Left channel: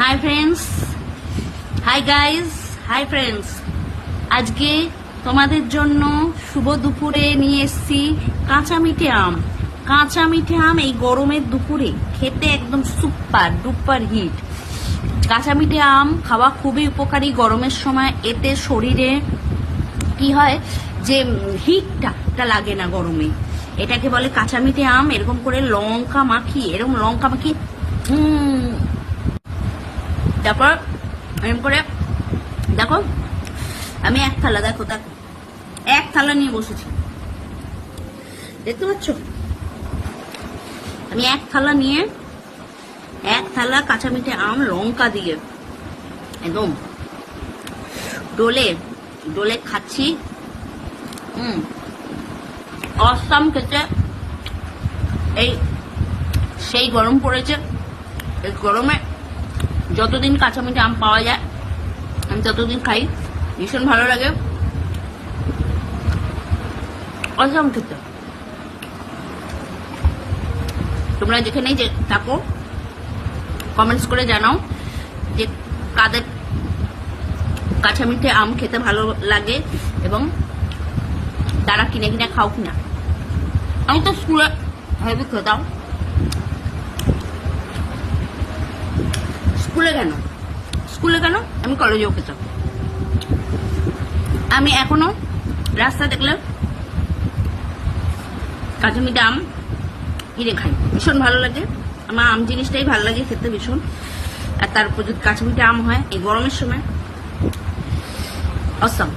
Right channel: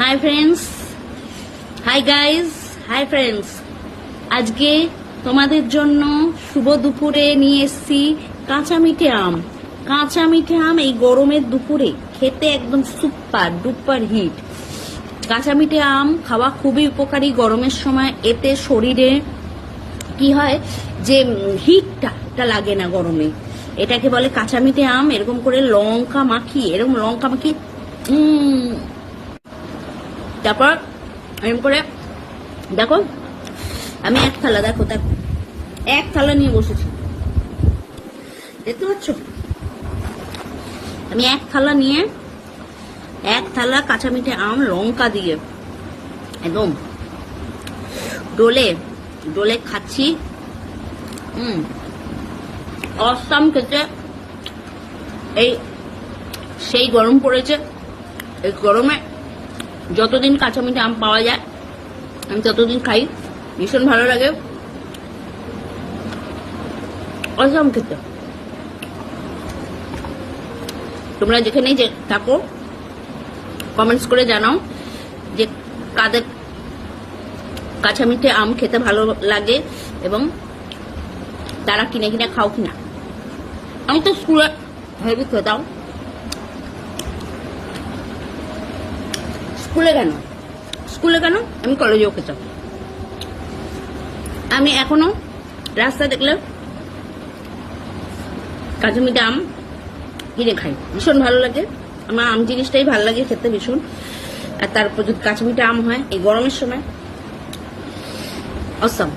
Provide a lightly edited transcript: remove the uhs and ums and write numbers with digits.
Hi friends, hi guys, hi friends. আজকে তোমাদের জন্য শুভ দুপুরে নিয়ে এসেছি কাঁচা মিঠে আম। কাঁচা মিঠে আম এই গরমের দুপুরে খেতে একদম সুপার ডুপার হিট। কাঁচা মিঠে আম খাওয়া খুবই উপকারী গরমের সময়। এতে শরীরে কি হয় যে হিটটা লাগে না গরমে। এটাকে বলে কাঁচা মিঠে আম। এরকম করে লঙ্কা মাখিয়ে তারপর এরকম করে দেখো, আমি এক থালা নিয়ে বসেছি, দেখতে পাচ্ছ? আমি এক থালা কাঁচা মিঠে আম লঙ্কা দিয়ে একদম ডোলে খাচ্ছি। অসাম খেতে। সেই গরম পড়েছে, এই গরমে যতদিন কাঁচা মিঠে আম পাওয়া যায় আমি ততদিন খাই। ভীষণ ভালো লাগে, অসাম খেতে। তোমরা যেখানেই যে থাকো কমেন্টস করে জানাও যে কাদের কাঁচা মিঠে আম খেতে ভালো লাগে এবং তারা কিনে কিনে খাও কিনা। আমি তো স্কুলে হেভি খেতাম। স্কুলে কেন আমি কলেজেও খেতাম। আমি এখনো রাস্তা দেখলে কাঁচা মিঠে আম কিনে খাই, ভীষণ ভালো লাগে। আমার আম জিনিসটাই ভালো লাগে খেতে ভীষণ। আর তার উপর যদি কাঁচা মিঠে আম হয় গরমের সময়, অসাম।